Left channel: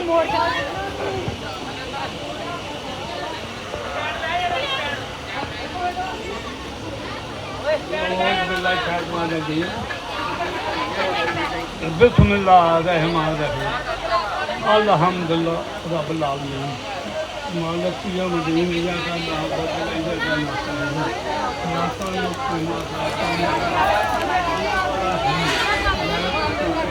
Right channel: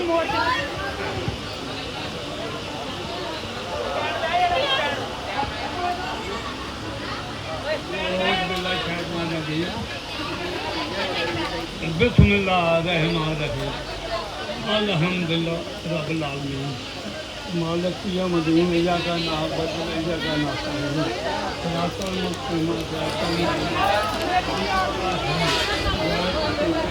ਥੋੜਾ ਮੋੜ ਜਾ ਬਿਸਮਿਲ੍ਲਾਹ ਰਹਿਮਾਨ ਰਹੀਮ ਅਲਹਮਦੁਲਿਲਾ ਰੱਬੁਲ ਆਲਮੀਨ ਮਾਲਕ ਯਮ ਦੀਨ ਯਾ ਦਾ ਨਾਮ ਬਦਲ ਇੰਦਰ ਦਾ ਨਾਮ ਨਾਸਾਂ ਨੂੰ ਕੋਈ ਨਾ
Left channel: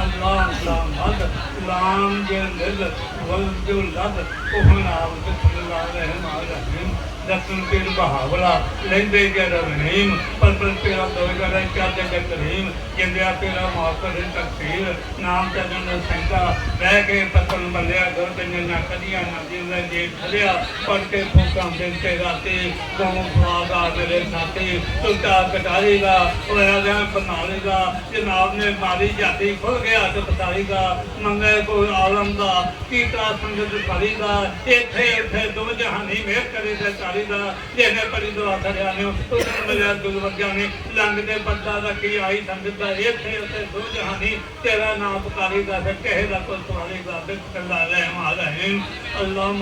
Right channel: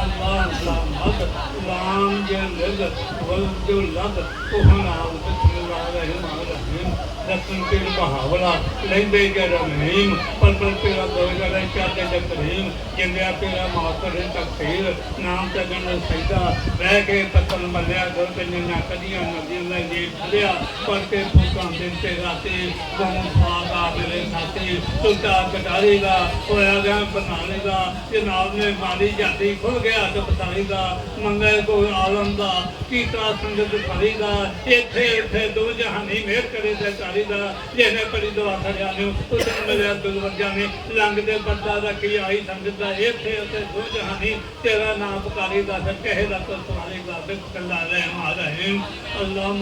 ਅੱਲਾਹ ਅੱਲਾਹ ਮਦ ਗੁਲਾਮ ਜੇ ਨਿਰਦ ਵਲ ਜੋ ਲੱਭ ਉਹ ਨਾਮ ਤੇ ਅੱਲਾਹ ਰਹਿਮਾਨ ਰਹੀਮ ਰਸਨ ਤੇ ਬਹਾਵਲਾ ਲੈਂਦੇ ਕਰ ਰਹੀਮ ਪਰ ਪਰ ਤੇਰਾ ਦਰਗਾ ਰਹਿ ਕਾ ਤੇ ਰਹੀਮ ਜਿੰਦਿਆ ਤੇਰਾ ਮਾਸਰ ਦੇ ਤਕਸੀਰ ਨਾਮ ਤੇ ਜਨ ਸੈਂਦਾ ਰਹਿ ਕੇ ਤਕਲ ਮੱਲਿਆ ਗੁਰ ਤੇ ਨਾ ਕਦੀਆਂ ਨਬੀ ਮੈਂ ਜੇ ਭਲਿਆ ਪਰ ਤੇ ਫੋਕਾਂ ਬਿਨ ਤੇ ਰਾਤੇ ਜਮੋਂ ਸਵਾਦ ਆ ਦੇ ਸਾਤੇ ਤੁਲਤਾ ਕਟਾਰੇਗਾ ਹੋਇਆ ਜਾਂ ਬਣਾਵੇਗਾ ਜਨਾਬ ਨੇ ਮਾਰੀ ਜਾਂਦੀ ਖੁਰ ਗਿਆ ਤੇ ਬਤਾਲੇਗਾ ਮੰਗੇ ਕੋ ਆਲਮ ਦਾ ਕੀਤਾ ਸੰਗਤ ਕਰੀਦਾ ਇੱਥੇ ਇੱਥੇ ਦੋ ਜਹਾਨੀ ਮੇਰ ਕਰੇ ਤੇ ਕਰੀਦਾ ਜਿਹਨੇ ਪਰੀ ਦੁਆ ਕਰਿਆ ਨੇ, ਉਸ ਮੇਰੇ ਦੁਲ ਨੇ ਲੰਗ ਦੇ ਬੰਦਾ ਦਾ ਕੀ ਆਈ ਸੰਗਤ ਦਾ, ਇੱਥੇ, ਉੱਥੇ ਦੋ ਜਹਾਨੀ, ਤੇਰਾ ਨਾਮ ਪੁਕਾਰੀਦਾ ਤੇ ਕਹੇ ਦਾ ਕੋ ਸਵਾਲੇਗਾ ਬਿਸਮਿਲ੍ਲਾਹ ਰਹਿਮਾਨ ਰਹੀਮ ਅੱਲਾਹ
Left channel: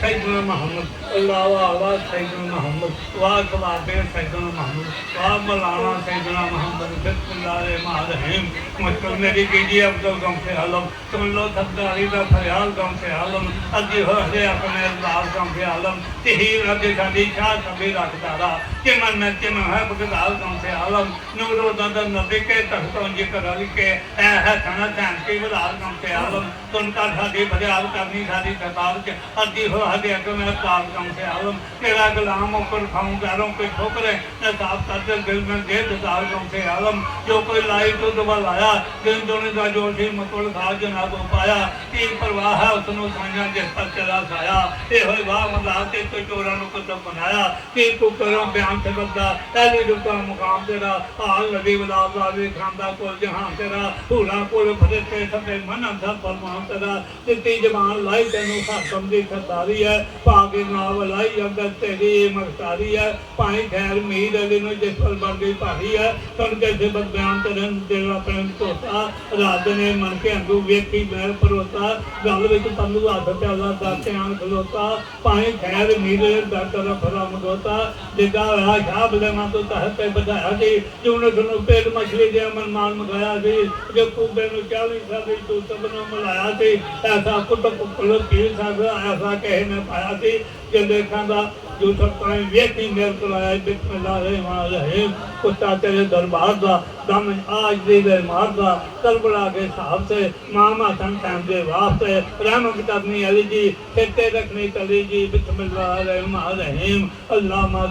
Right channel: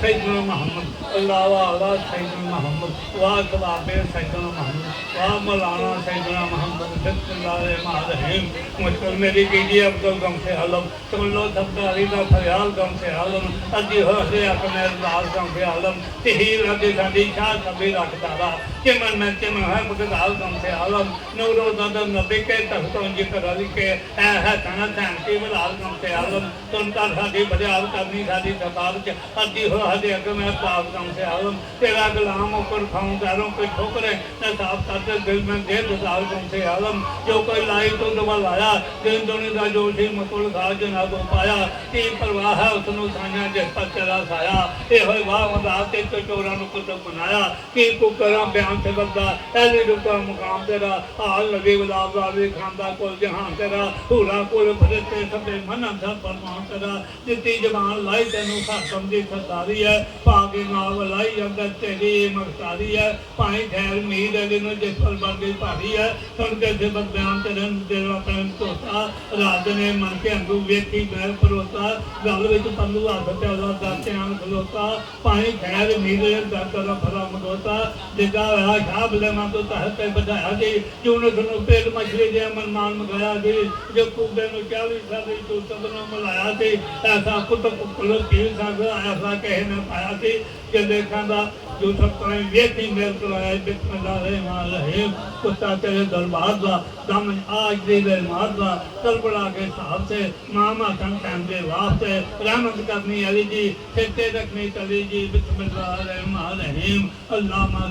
ਸੈਦਨਾ ਮੁਹੰਮਦ, ਅੱਲਾਹ ਵਾਲਾ ਸੈਦਨਾ ਮੁਹੰਮਦ, ਵਾਹ ਕਵਾਬੇ ਸੈਦਨਾ ਮੁਹੰਮਦ, ਵਾਹ ਮਲਾਨਾ ਸੈਦਨਾ ਮੁਹੰਮਦ, ਬਿਸਮਿਲ੍ਲਾਹਿ ਰਹਿਮਾਨ ਰਹੀਮ। ਮੁਹਤਰਮ ਮੇਰੀ ਬੀਜੀ ਅਬਦੁਲ ਗਮ ਸੇ ਆਲਮ ਤੁਮ ਲੋ ਸਬਦ ਅਲੀ ਦਾ ਫਰਿਆਲ ਗਮ ਸੇ ਆਲਮ ਅੱਗੇ ਹੋ ਕੇ ਆਪਣੇ ਅਲਦਾਸ ਗਮ ਸੇ ਆਲਮ ਤੇ ਹੀ ਰੱਬੇ ਸਾਡੀ ਸ਼ਾਹ ਸਭੇ ਰੱਖਦਾਰਾ ਕਿ ਮਨ ਮੈਂ ਕਿ ਮੈਂ ਹੈ ਬਗਦਾਲ ਗਮ ਸੇ ਆਲਮ ਨੂਰੋ ਦਦਨ ਨਦੇ ਕੇ ਤਖਤੋਂ ਜਿਕਰ ਰਵੀ ਕੇ ਐ ਹੈ ਖਾਣਾ ਖਾਂ ਕੇ ਬਗਦਾਲ ਗਮ ਸੇ ਆਲਮ ਤੁਮ ਤਾਂ ਸਾਡੀ ਫਰਿਆਲ ਕਰਨੀ ਸਾਡੀ ਸਰਕਾਰ ਕੇ ਅੱਗੇ ਹੋ हले अॻु में पाप कमु कया हुअमि कहिड़ा गुलाम मुकुर खाऊं कहिड़ो कोई ठोकरे ऐं साफ़ साथे दिलि में जे दिसार कमु थिए हलम जो कोई लाई तो दुब लाया दिल दुनि का जोशी मुकुर साहब जो नागो पाया की परवाह है उसनु साना जिस पर चला साया ए होय भाव मदा के तो चोरा नु कुत बनाया की को करो बयान से बंदा ऐले जो का मुकाम तेरा हाल लगे गुलाब वाली खांदा को जहां तेरा पूरा कोल भजते सबे मन अंधा परमात्मा तेरा जिती जवान लाई तेनु हाकम दी सरदारी ਸਰਦਾਰੀ ਹੈ ਭਾਗੇ ਨਾਮ ਲਾਈ ਅੰਦਰ ਤੇਰੀ ਮਖਤਾਰੀ ਹੈ ਭਾਈ ਖੈਰ ਮੀਦ ਅਲੀ ਨੂੰ ਜਿਸ ਪਰ ਬੰਦੀ ਭਾਰੀ ਹੈ ਸੁਣ ਕੇ ਸੇ ਬਦਿਆਨ ਤੇਰੇ ਦੇਵਾ ਪ੍ਰੇਮ ਤੋਤਾ ਰਾਜ ਨੇ ਮਨ ਕੇ ਅੰਗੂ ਵੇਖੀ ਮੈਂ ਪਰੋਤਾ ਗੱਲ ਵਿੱਚ ਪੰਨੂ ਹੱਥ ਤੇ ਅੱਲਾ ਦਾ ਖਲੋਤਾ ਭਾਈ ਖੈਰ ਮੀਦ ਦਾ ਕਰ ਮਦੋਤਾ ਜਿਦਾ ਰਹਾ ਸ਼ਾਹ ਬਲੇ ਤੋਂ ਤਹਤ ਤੇ ਬਧਾਇਆ ਜੀ, ਜੂਨ ਨੂੰ ਪੇਲ ਮਛਲੀ ਦੇ ਮਨ ਮਾਨ ਮਗਾਇਆ ਜੀ, ਜੇ ਕੂਬੇ ਨੂੰ 40 ਸਾਲ ਤੋਂ ਸਭਨੋਂ ਮਿਲਾਇਆ ਸੀ ਐਸਾ ਪੁੱਤ ਪੁੱਲ ਪੀਰ ਸਾਹਿਬ ਐਸਾ ਕਹਿ ਨਾ ਪਾਇਆ ਸੀ ਕਿ ਦੇਖਾਂ ਦਾ ਜੋ ਸਭ ਵੇਖੀ, ਮੇਰੇ ਕੋਲ ਆਇਆ ਰਹਿਮਾਨ ਰਹੀਮ ਕੁੱਤਾ ਤੇਰੇ ਦਰਬਾਰ ਦਾ, ਦਮ ਆਜ ਦੇ ਦਰਬਾਰ ਦਾ। ਕਲਬੜਾ ਕੇ ਹਿਸਾਬ ਤੇ ਮਾਮਾ ਤਨ ਟਾਈਮ ਦੇ ਵਾਸਤੇ ਰਹਿਮਤ ਕਰਨੀ ਅਲੀ ਜੀ ਸਿੱਤੇ ਰੱਖਣੀ ਚਲੀ ਜੀ, ਬਿਸਮਿਲ੍ਲਾਹ ਰਹਿਮਾਨ ਰਹੀਮ। ਅੱਲਾਹ ਮਾ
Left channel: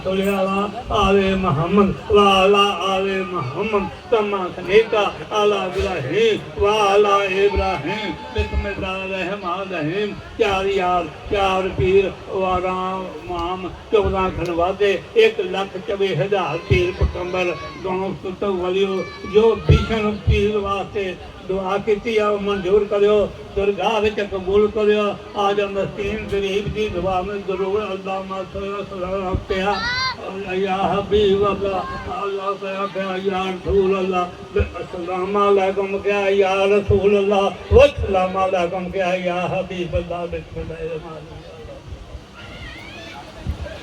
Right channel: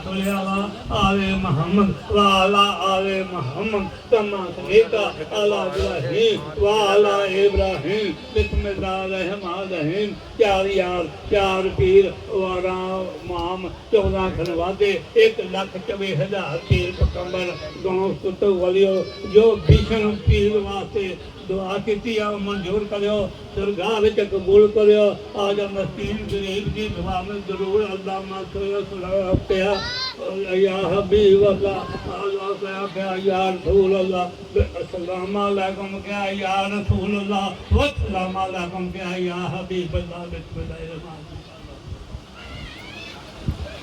ਆਲੇ ਮੁਹੰਮਦ ਵਾ ਆਲਾ ਆਲੇ ਮੁਹੰਮਦ, ਤਮਾ ਸਨੇਤਾ ਆਲਾ ਇਬਰਾਹੀਮ ਵਾ ਇਬਰਾਹੀਮ, ਬਿਸਮਿਲ੍ਲਾਹ ਰਹਿਮਾਨ ਰਹੀਮ। ਚਾਰ ਯਾਰ ਚਾਰ ਪੀਰ ਵਾਰਾ, ਮਾਮ 14 ਖਨ ਵਾਦੇ 1 ਲੱਖ ਚਵੇ ਹਜ਼ਾਰ ਤੀਰ ਪਕੰਬਰ ਗਣੋ ਸੁਤ ਵਲਿਓ, ਜੋ ਭੀਸ਼ਨ ਪੀਰ ਵਾਸਤੇ ਦੁਆ ਕੀਤੀ ਆ ਮਨਜ਼ੂਰ ਕਰਿਓ, ਦਰਗਾਹ ਵਿੱਚ ਕਬੂਲ ਕਰਿਓ। ਆਜ ਮਸਤੀਨ ਗਰੀਬ ਦੀ ਦੁਆ ਮੈਂ ਜ਼ਰੂਰ ਅੱਲਾਹ ਮਾ ਸਲਾਮ ਪਿਆ। ਯਾ ਹਬੀਬ ਅੱਲਾ ਅੱਲਾ ਸਾਹਿਬ ਯਾ ਰਸੂਲ ਅੱਲਾ ਅਸਲਾਮ ਅਲੈਕਮ ਕਿਆ ਯਾ ਰਸੂਲ ਅੱਲਾ ਵਸਲਾਮ ਅਲੈਕਮ ਕਿਆ ਯਾ ਹਬੀਬ ਅੱਲਾ ਬਿਸਮਿਲ੍ਲਾਹਿਰ ਰਹਿਮਾਨਿਰ